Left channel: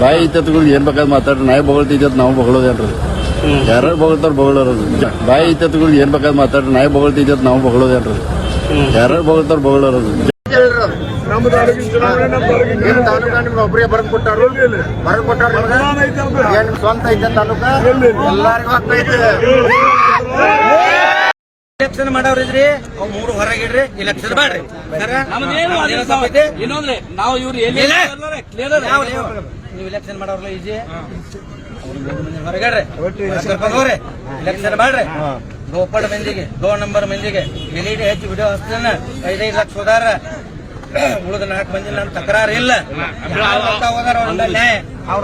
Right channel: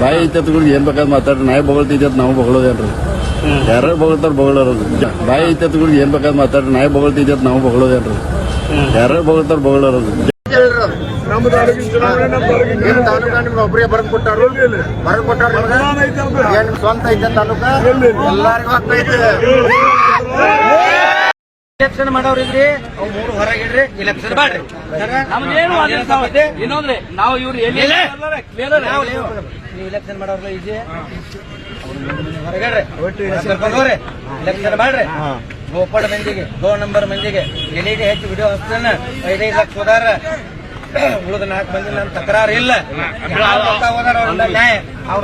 ಬಾಯಿ ಐತತ್ಗಳು ಏನ್ ಬೇಕಾದ್ ಮಾತಾಡ್ರಿ. ನಾಯಿ ಬೊಗಳ್ತಿದ್ದೆ ನಾವು ಬೊಗಳೋದೇನ್ರಿ ಯಾರು ಬೊಗಳ್ತಾರ ಬೊಗಳೋರು ಬಾಯಿ ಐತತ್ಗಳು ಏನ್ ಬೇಕಾದ್ ಮಾತಾಡ್ರಿ. ನಾಯಿ ಬೊಗಳ್ತಿದ್ದೆ ನಾವು ಬೊಗಳೋದೇನ್ರಿ ಯಾರು ಬೊಗಳ್ತಾರ ಬೊಗಳೋರು ನಮ್ಮ ತಾಲೂಕಿನ ಚುನಾವಣೆ ನಮ್ಮ ತಾಲೂಕಿನ ನಿಮ್ ತಾಲೂಕ ನಿಮ್ಗೆ ಒಬ್ಬರೇ ಬರೆದು ಕೊಟ್ಟಾರು? ಬರೆದು ಕೊಟ್ಟಾರ ಮತದಾನ ಐತೆ ಅಲ್ರಿ? ಏನ್ ನಿಮ್ ಸ್ವಂತ ಐತೆ ತಾಲೂಕ? ಎಲ್ಲಾರಿಗೂ ಹತ್ತೈತೆ ಎಲೆಕ್ಷನ್ ಮಾಡೋರಿದ್ರಿ ಅವ್ ಮೂರು ಹೊರಗಿಡ್ರಿ ಎಲೆಕ್ಷನ್ ಮಾಡ್ರಿ ಇನ್ನೊಂದ್ರೆ ನಾವು ಇವ್ರು ಎಲ್ಲಿ ನೀವು ಎಲೆಕ್ಷನ್ ಮಾಡೋರ್ಲ ಈಜಿ. ಹೊರಗಡ್ರಿ. ಹೋಗ್ರಿ ಎಲೆಕ್ಷನ್ ಮಾಡ್ರಿ. ಗೋಪಾಡ ಮಂದಿಗೆ ಗೋ ನಂಬರ್ ಮಂದಿಗೆ. ಎಲ್ಲಿಗೆ ಹೆಚ್ಚು ವಿಡಿಯೋ ಹಚ್ತಾನ? ಐದೈದು ಲಕ್ಷ ಹೋದಾರ ಉಳಿದ ನಾಲ್ಕು ಮಂದಿ ನಮ್ ತಕರಾರು ಇಲ್ಲ. ಹೋದಾರ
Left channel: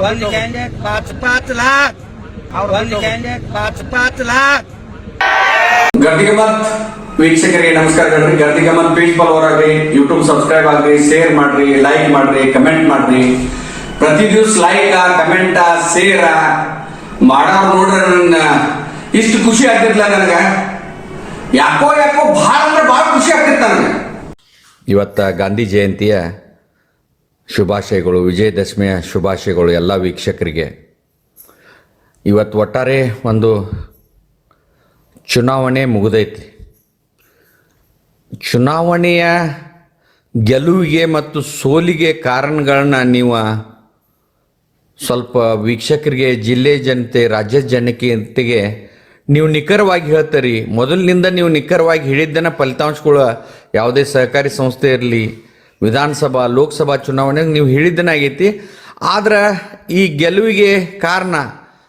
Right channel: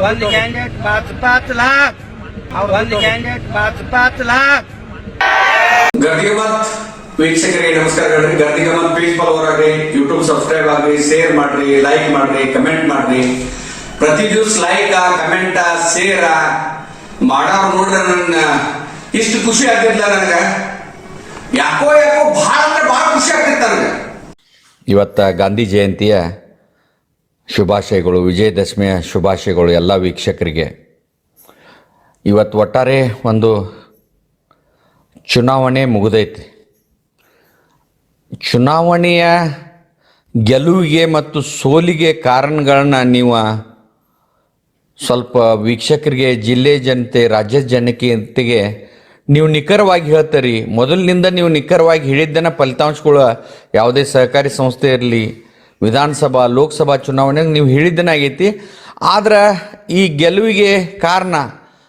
ಒಂದ್ ಕ್ಯಾಂಡಿಡೇಟ್ ಪಾಚ್ ಪಾಚ್ ಲಾಕ್ ಒಂದ್ ಕ್ಯಾಂಡಿಡೇಟ್ ಪಾಚ್ ಪಾಚ್ ಲಾಖ್ ಗರ್ದಿಗಮತ್ ವೀಕ್ಷಕರಿಗೆ ನಮಸ್ಕಾರಗಳ್ರಿ ಗರ್ದಿಗಮತ್ ಪೇಜ್ ಫಾಲೋವರ್ ಆಗ್ರಿ ಯೂಟ್ಯೂಬ್ ಸಬ್ಸ್ಕ್ರೈಬ್ ಆಗ್ರಿ ಶೇರ್ ಮಾಡ್ರಿ ಲೈಕ್ ಮಾಡ್ರಿ ಕಮೆಂಟ್ ಮಾಡ್ರಿ. ಪ್ರತಿ ದಿವ್ಸ ಲೈಕ್ ಕಮೆಂಟ್ ಶೇರ್ ಮಾಡೋರು ನೋಡ್ರಿ ನನ್ನ. ಇಷ್ಟು ಖುಷಿ ಆಗ್ತಿರ್ಲಿಲ್ಲ ನನಗ. ಯಾಕೋ ಯಾಕೋ ಬಹಳ ಅಂದ್ರೆ ಬಹಳ ಖುಷಿ ಆಗ್ತಿರ್ತಾರೆ ನನಗೆ. ಇವತ್ತ ಗಾಂಧಿ ಜಯಂತಿಯ ಶುಭಾಶಯಗಳು, ವಿಜಯದಶಮಿಯ ಶುಭಾಶಯಗಳು ಎಲ್ಲ ವೀಕ್ಷಕರಿಗೆ. ಇವತ್ತು ಒಟ್ಟಾರೆ ಒಂದು ಚುನಾವಣೆ ಮುಗಿದೈತಿ. ಚುನಾವಣೆಯ ಗೆಲುವಿಗೆ ಮತ್ತು ಸೋಲಿಗೆ ಕಾರಣಗಳನ್ನ ನೀವು ಸ್ವಲ್ಪ ವೀಕ್ಷಕರಿಗೆ, ಜಿಲ್ಲೆ ಜನತೆ ರಾಜ್ಯದ ಜನತೆಗೆ ನೀವು ನಿಖರವಾಗಿ ಹೇಳ್ತೀರಿ. ಮೊದಲಿನಿಂದ ನೀವು ನಿಖರವಾಗಿ ಹೇಳಿದ್ದನ್ನು ಫಲಿತಾಂಶಗಳು ಯಾವುದೇ ಸಹಕಾರಿ ಸಂಸ್ಥೆ ಇರಲಿ, ವಿಧಾನಸಭಾ, ಲೋಕಸಭಾ ಚುನಾವಣೆ ನೀವು ಹೇಳಿದ್ದನ ಆಗೈತಿ. ಆದ್ರೆ ಈ ಗೆಲುವಿಗೆ ಕಾರಣ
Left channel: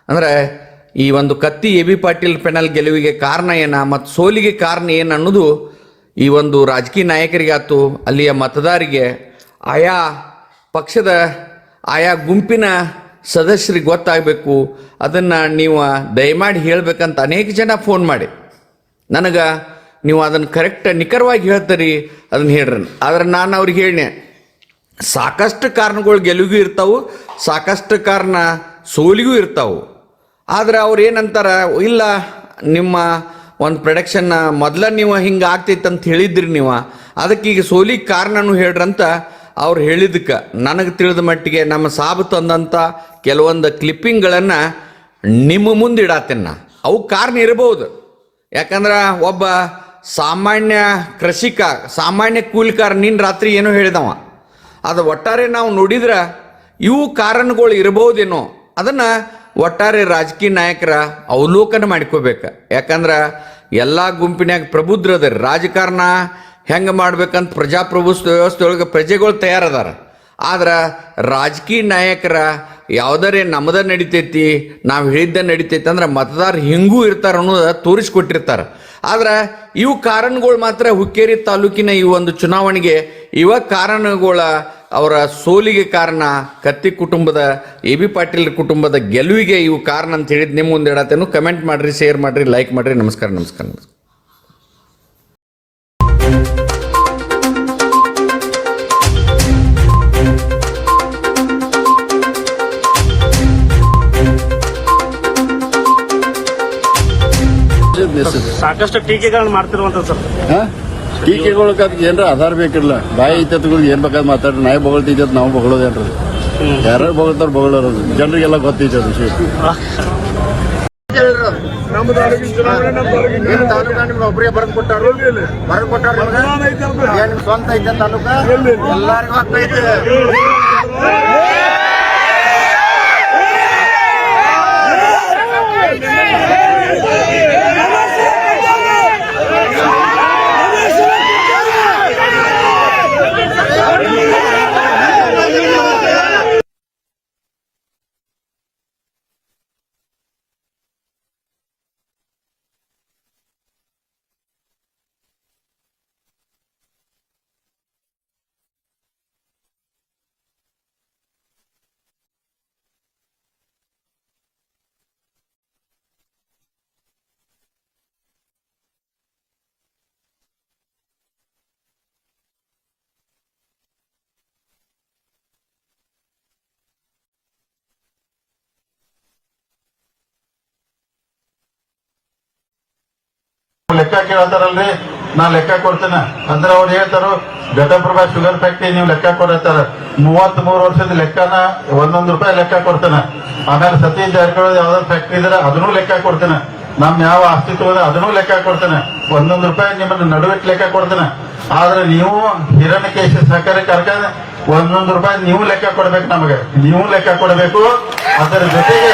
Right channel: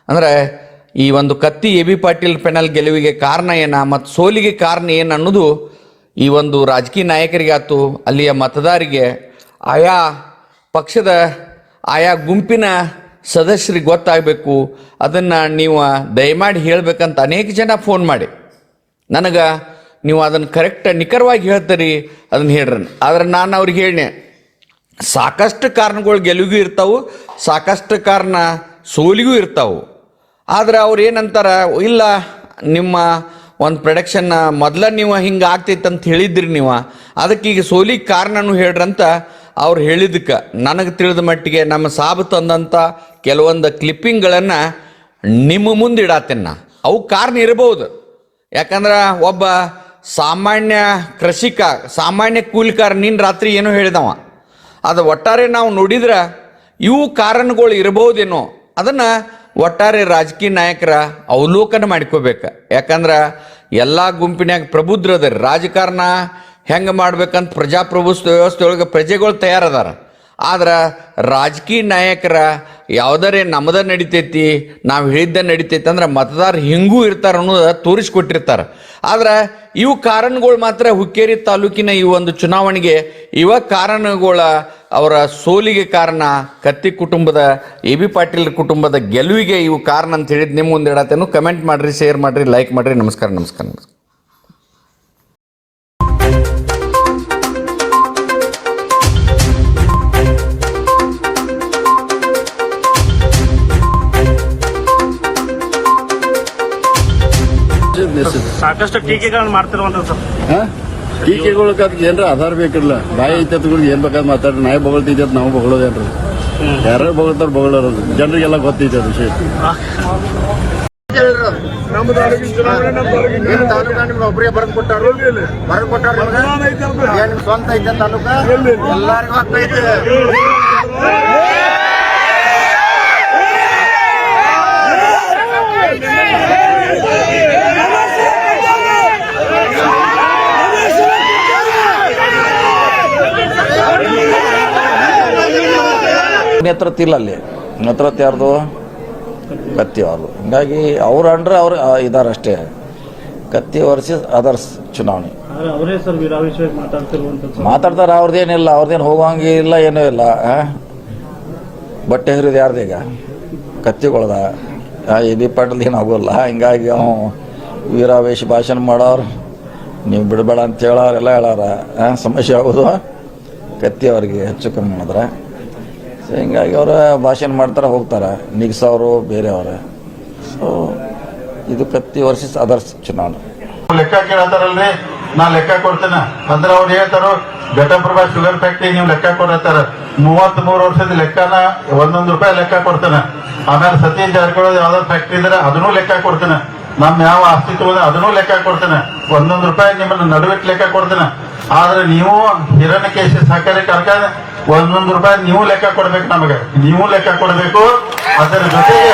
ಅಂದ್ರೆ ಈ ಒಂದು Katti A B Patil panel ಗೆಲುವಿಗೆ ಕಾರಣ ಏನ ಮತ್ತು ಸೋಲಿಗೆ ಕಾರಣ ಏನು ಅನ್ನೋದು ಈ ಒಂದು ರಾಜಕೀಯ ನಾಯಕರಿಗೆ ಆಯ್ತು ಅಲ್ಲಿಯ ಮತದಾರಿಗೆ, ಆಯಾ ಪಕ್ಷದ ಆಯಾ ಗುಂಪಿನ ಸದಸ್ಯರಿಗೆ ಗೊತ್ತಾಗಬೇಕು. ಅದನ್ನು ನೀವು ದಯಮಾಡಿ ಹೇಳಬೇಕಂತ ಅನೇಕ ಜನ ಫೋನ್ ಮಾಡಿ. ನನಗೆ ನೀವು ಅದನ್ನು ಕರೆಕ್ಟ್ ನಿಖರವಾಗಿ ಹೇಳ್ತೀರಿ, ಅದನ್ನು ಹೇಳ್ರಿ. ಆದ್ರೆ ನಾನು ಅವ್ರಿಗೆ ಹೇಳಿ ಸಾಕಷ್ಟು ಕಾರಣಗಳು ಗೆಲುವಿಗೂ ಇರ್ತಾವು, ಸಾಕಷ್ಟು ಕಾರಣ ಸೋಲಿಗೂ ಇರ್ತಾವು. ಆದ್ರೆ ಅವ್ರು ಏನಂತಾರೆ, ಇಲ್ಲ, ನಿಮ್ಮ ಒಂದು ಪ್ರೊಡಕ್ಷನ್ ಮೊದಲ ನೀವು ಹಿಂಗೆ ಆಗ್ತೈತೆ ಅಂತ ಹೇಳಿದ್ರಿ ನೀವು. ಅದಕ್ಕೆ ಈಗ ಸೋಲಿಗೆ ಕಾರಣನೂ ಹೇಳ್ರಂತ ಅವ್ರು ಹೇಳಿದಕ್ಕೆ ನನಗೆ ತಿಳಿದ ಮಟ್ಟಿಗೆ ನಮ್ಮ ಸಾಬು ತಂದಂಥ ಕೆಲವೊಂದು ಕ್ಲಿಪ್ಪಿಂಗ್ಗಳನ್ನು ನಿಮ್ಮ ಮುಂದೆ ನಾ ಅವು ಕಾರಣ ಇರಬಹುದು ಯಾಕಂದ್ರೆ ಒಬ್ಬ ಸಾಮಾನ್ಯ ಕೃಷಿಕ, ಸಾಮಾನ್ಯ ಕೂಲಿಕಾರ ನೀನು ರಾತ್ರಿ ಏನೋ ಹೇಳಿದವ. ಅದು ಒಟ್ಟಾರೆ ನಾವು ನೋಡಿದ್ರೆ ಇವು ಕಾರಣಗಳು ಇರಬಹುದೇನೋ ಅದನ್ನು ಒಟ್ಟಾರೆ ರಾಜಕೀಯ ನಾಯಕರ ಅವಲೋಕನ ಮಾಡ್ಕೋಬೇಕು ಯಾಕಂದ್ರೆ ಎಲ್ಲ ಗುಂಪಿನ್ಯಾಗ ಪ್ರಬುದ್ಧರದಾರ ರಾಜಕಾರಣ ಹೆಂಗೆ ಮಾಡ್ಬೇಕಂತ ಪ್ರಜಾಪ್ರಭುತ್ವ ವ್ಯವಸ್ಥೆ ಒಳಗೆ ಪ್ರಜೆಗಳು ತಯಾರದಾರ. ಆದ್ರೆ ರಾಜಕೀಯ ನಾಯಕರ ಯಾವ್ದಾರೆ ನಮ್ಮದ ನಡಿತೈತಿ, ನಾವು ಹೇಳಿದ್ದ ನಡಿತೈತಿ ಅಂದ್ರೆ ಮತದಾರ ಹಿಂಗೂ ಇರ್ತಾರ ಅನ್ನೋದು ತೋರಿಸ್ಕೊಟ್ಟಿರ್ತಾರೆ. ಆದ್ರೆ ಇವು ಕಾರಣಗಳು ಮಾತ್ರ ಹುಕ್ಕೇರಿ ತಾಲೂಕಿನ ಈ ಒಂದು ಚುನಾವಣೆಗೆ ಇವ ಕಾರಣಗಳ ಅವರ ಸೋಲಿಗೆ ಕಾರಣ ಕತ್ತಿ ಕುಟುಂಬದ ಎ ಬಿ ಪಾಟೀಲ್ ಕುಟುಂಬದ ಗೆಲುವಿಗೆ ಇವು ಕಾರಣ ಅಂತ ಹೇಳಿದ್ ನಿಮ್ಮ ಮುಂದೆ ಇಡತ್ತೇನು ಕಮೆಂಟ್ ಮಾಡ್ರಿ ಶೇರ್ ಮಾಡ್ರಿ ಲೈಕ್ ಮಾಡ್ರಿ. ನಮಸ್ಕಾರ ನಮಸ್ಕಾರ ನಮಸ್ಕಾರ. ಸಾಕಷ್ಟು ಟೀಕೆಗಳನ್ನು ಮಾಡ್ತಿರುವಂತ ಸರ್. ಟೀಕೆಗಳು ಅದಕ್ಕೆ ಏನ್ರ ಆಧಾರ ಬೇಕಿಲ್ಲ? ಬಾಯಿ ಐತತ್ಗಳು ಏನ್ ಬೇಕಾದ್ ಮಾತಾಡ್ರಿ. ನಾಯಿ ಬೊಗಳ್ತೈತೆ ನಾವು ಬೊಗಳೋದೇನ್ರಿ? ಯಾರು ಬೊಗಳ್ತಾರ ಬೊಗಳರೋದು ಜನರಿಗೆಲ್ಲ ಗೊತ್ತೈತೆ ಅದು ವಿಷಯ. ನಿಮ್ ತಾಲೂಕ ನಿಮ್ಗೆ ಒಬ್ಬರೇ ಬರೆದು ಕೊಟ್ಟಾರು. ಬರೆದು ಕೊಟ್ಟಾರ ಅಲ್ರಿ? ಸ್ವಂತ ಐತೆ ತಾಲೂಕ? ಎಲ್ಲಾರಿಗೂ ಹತ್ತೈತೆ ನೇತೃತ್ವ ಇಲ್ಲ ಅಲ್ಲಿ. ನೇತೃತ್ವ ಯಾರ್ದು? ಕತ್ತಿ ಅವ್ರದ್ದು ಹಿಂಗಾಗಿ ಅವ್ರು ಅಂದ್ರೆ ಅವ್ರು ಇದ್ದಾರೆ ಅಷ್ಟೇ. ಕತ್ತಿ ವರ್ಸಸ್ ಅದರ್ಸ್ ಚುನಾವಣೆ. ಅವರೇ ಮಾತಾಡ್ತಾರೆ ಅವ್ರದ್ದೇನಿಲ್ಲ ಅವ್ರದ್ದೇನು ಹೋಗೋಂಗೆ ಇಲ್ಲ ಏನೂ ಇಲ್ಲ? ಬಟ್ಟೆ ಹರಿದು ಯಾರ್ದೀಗ ಕತ್ತಿಗೊಳ್ದ. ಎ ಬಿ ಪಾಟೀಲ್ ಏನು ಆಗೋಲ್ಲ. ಹಿಂಗಾಗಿ ಅವ ವೀರಾವೇಶ ಭಾಷಣ ಮಾಡೋರು ನೀವು ಬಿಡಬೇಡ ಅಂತ ಹೇಳೋರೆಲ್ಲ ಹೇಳಾರ ಸಮಸ್ಯೆ ಆಗೋದು ಕತ್ತಿ ಅವ್ರಿಗೆ ಹೆಚ್ಚು ಕಮ್ಮಿ ಮಾಡಿದ್ರೆ. ಹಿಂಗಾಗಿ ಅವರ ಭಾಷಣ ಮಾಡ್ತಾರೆ, ಹೋಗ್ತಾರೆ. ನಿಗ್ಸೋರು ಬೇರೆಯವರ. ಸೊ ಇದು ಪ್ರತಿ ವರ್ಷ ಆದರ್ಶ ಚುನಾವಣೆ. ಲೆಕ್ಕ ಕೇಳತ್ತಾರಲ್ರಿ? ನಾ ಲೆಕ್ಕ ಕೊಡ್ತೇನೆ. ಅಂದ್ರೆ ಅವ್ರು ಹೇಳ್ತಾರೋ ಘಟಪ್ರಭಾ ಶುಗರ್ ಫ್ಯಾಕ್ಟ್ರಿ ನೀವು ಲೆಕ್ಕ ಕೊಡತ್ತಾರ ಮೂವತ್ತ್ ಮೂರು ವರ್ಷದ ಲೆಕ್ಕನ ಒಂದೊಂದು ರೂಪಾಯಿ ಲೆಕ್ಕ ಕೊಡ್ತೇನೆ. ಆಮೇಲೆ ಸತೀಶ್ ಜಾರಕಿಹೊಳಿ ಯಾವ್ದಾದ್ರು ಫ್ಯಾಕ್ಟ್ರಿ ಇದ್ರೆ ಅದನ್ನೂ ಲೆಕ್ಕ ಕೊಡ್ತೇನೆ. ನಮ್ ಯಾವ ಅಸ್ತಿತ್ವ ಅದನ್ನೂ ಲೆಕ್ಕ ಕೊಡ್ತೇನೆ. ಒಂದೊಂದು ರೂಪಾಯಿ ನಿಮ್ಮನ್ನ ನಡುವೆ ಲೆಕ್ಕ ಕೊಡ್ತೇನೆ. ಆದ್ರೆ ನೀವು ಹಿರಣ್ಯಕೇಶಿ ಸಹಕಾರಿ ಕಾರ್ಖಾನೆ ಒಂದೊಂದು ರೂಪಾಯಿ ನೀವು ಲೆಕ್ಕ ಕೊಡ್ಬೇಕು ನಮಗೆ. ನೀವು ಲೆಕ್ಕ ಕೊಡಬೇಕು. ಅದರ ಜೊತೆಗೆ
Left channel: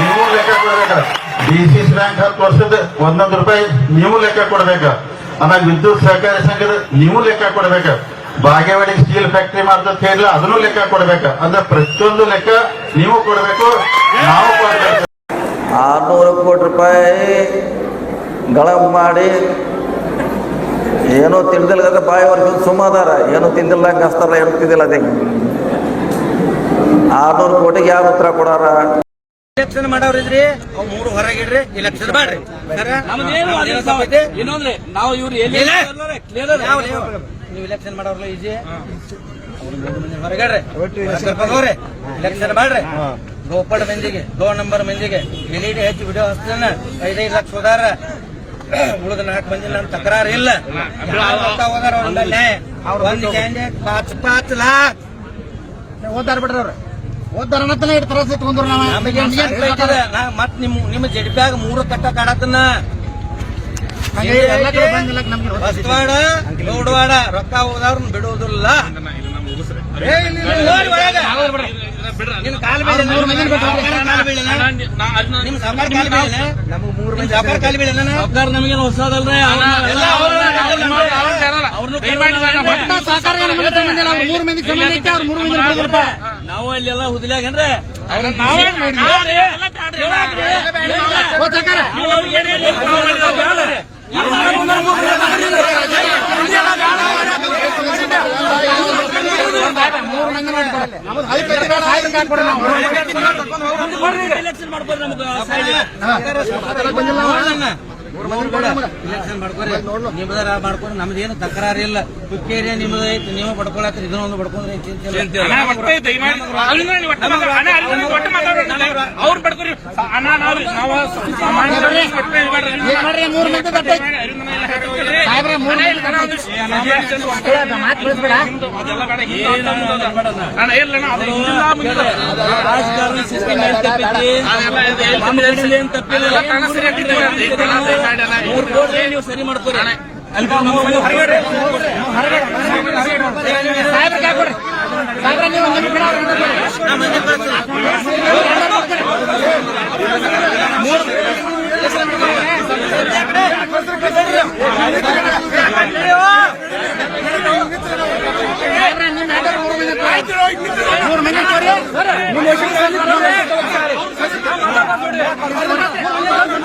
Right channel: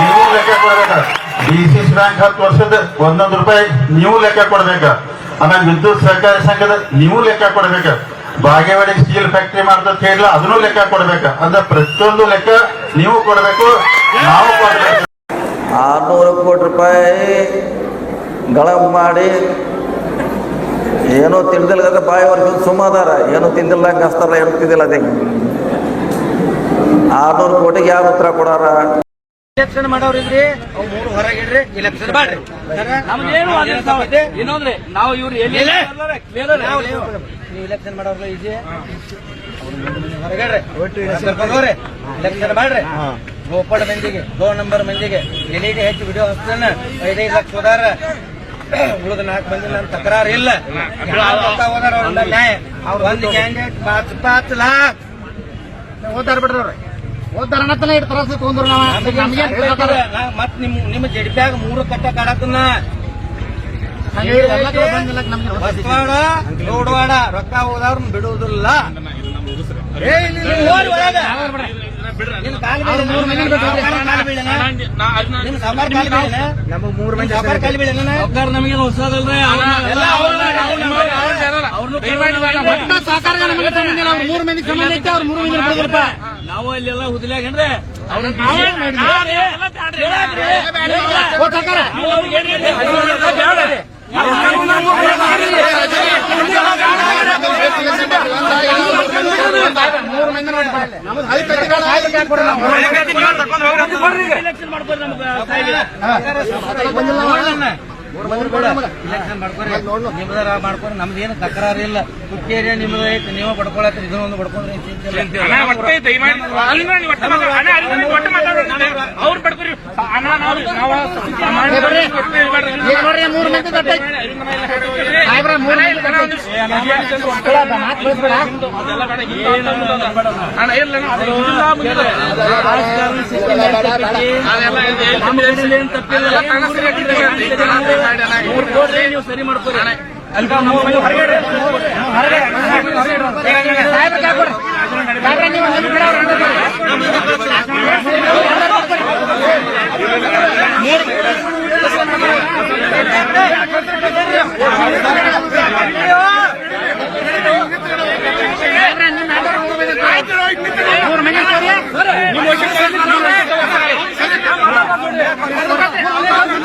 ನೀವು ಲೆಕ್ಕ ಕೊಡ್ಬೇಕು. ಸಿ ಬ್ಯಾಂಕ್ ಹತ್ತು ವರ್ಷದ ಒಂದೊಂದು ರೂಪಾಯಿ ನೀವು ಲೆಕ್ಕ ಕೊಡ್ಬೇಕು. ಆಮೇಲೆ ವಿದ್ಯುತ್ ಸಹಕಾರಿ ಸಂಘದ ನೀವು ಲೆಕ್ಕ ಕೊಡ್ಬೇಕು. ಬಾಗೇವಾಡಿ ಸ್ಟೀಲ್ ಫ್ಯಾಕ್ಟ್ರಿ ಮಾಡ್ತಾ ಹೇಳಿಲ್ಲ ಅದನ್ನು ಲೆಕ್ಕ ಕೊಡ್ಬೇಕು. ಅಂದ್ರೆ ಪ್ರತಿಯೊಂದು ಲೆಕ್ಕ ನೀವು ಕೊಡಬೇಕು, ನಾವು ಕೊಡಬೇಕು. ಆರ್ನೂರು ಕೋಟಿ ರೂಪಾಯಿ ಗಳ ಮಾಡಿ ಏನೋ ತಿಂದಿಲ್ಲ ಬಾಯಿ ವರ್ಷ ಸುಮ್ಮದಾರ ಏನೋ ತಿಂದಿಲ್ಲ ಹಂಗೆ ಹಸ್ತಾರಲ್ಲ ಏನು ತಿಂದಿಲ್ಲ ಅದೇ. ಆರ್ನೂರು ಕೋಟಿಗೆ ಯಾರು ಉತ್ತರ ಕೊಡಾರ? ಇಲೆಕ್ಷನ್ ಮಾಡೋರಿದ್ರಿ ಅವ್ ಮೂರು ಹೊರಗಿಡ್ರಿ ಇಲೆಕ್ಷನ್ ಮಾಡ್ರಿ. ಇನ್ನೊಂದ್ರಿ ನಾವು ಇವ್ರು ಎಲ್ಲಿ ನೀವು ಇಲೆಕ್ಷನ್ ಮಾಡೋರ್ಲ ಈಜಿ. ಹೊರಗಡ್ರಿ ಹೋಗ್ರಿ ಇಲೆಕ್ಷನ್ ಮಾಡ್ರಿ. ಗೋಪಡ ಮಂದಿಗೆ ದೋ ನಂಬರ್ ಮಂದಿಗೆ ಎಲ್ಲಿಗೆ ಹೆಚ್ಚು ವಿಡಿಯೋ ಹಚ್ತಾನ ಐದೈದು ಲಕ್ಷ ಹೋದಾರ ಉಳಿದ ನಾಲ್ಕು ಮಂದಿ ನನ್ನ ತಕರಾರು ಇಲ್ಲ. ಹೋದಾರ ಅವ್ರಿಂದ ನ್ಯಾಯ ಒಂದು ಕ್ಯಾಂಡಿಡೇಟ್ ಪಾಚ್ ಪಾಚ್ ಬಿಡ್ರಿ ಅವ್ರು. ನಾವು. ಮತ್ ನಿಮ್ ನಿಮ್ಮ ಜಡ್ಬ್ಯಾಗ ಮೂರು ಕಟ್ಟ ಕಾಡತನ. ಬಸ್ವಾಡ ಲೋಡ್ವಾಡ ರೊಕ್ಕ ಹೋದವ್ರನ್ನ ಬಿಡುವುದಿಲ್ಲ. ಹೋಗ್ರಿ ಒಳಗ. ನಿಮ್ ಕಾಲ್ ಬೀಳೇನ? ಕಾಲ್ ಬೀಳೇನ? ನಿಮ್ ಸಾವ್ಕಾರ್ ಕಾಲ್ ಬೀಳೇನ? ನಿಮ್ ಸಾವ್ಕಾರ್ ಕಾಲ್ ಬೀಳೇನ? ನಮಗೆ ಹೊಸದಲ್ರಿ ಎಲ್ಲ ನಾವು ಹುದಲಾಗೇನ್ರಿ ಇಲೆಕ್ಷನ್ ಮಾಡ್ಕೊಂಡು ನಮ್ದೇನು ತಕರಾರು ಇಲ್ಲ ಕುಕ್ಕೇರಿಯ ನಿಮ್ದು ಐತಿ ನೀವು ಪಡ್ಕೊಳತ್ರಿ ಇದನ್ನೊಂದು ಬಡ್ಕೊಂಡ್ರೆ ಏನ್ ಚಿಂತೆ ಇಲ್ಲ. ಅವ್ರು ಬಡ್ಕೊರಿ ಅಣ್ಣ ನಾವು ಮೂರು ಮಂದಿ ತಪ್ಪಿಲ್ಲ ಮೂರು ಕೋಟಿ ನೀವು ಸರಿ. ಮಾಡ್ತೀರಿ ಅಲ್ಪ ಹೊರಗಡೆ ಮೂರು ಮಂದಿ ನಿಮ್ಮ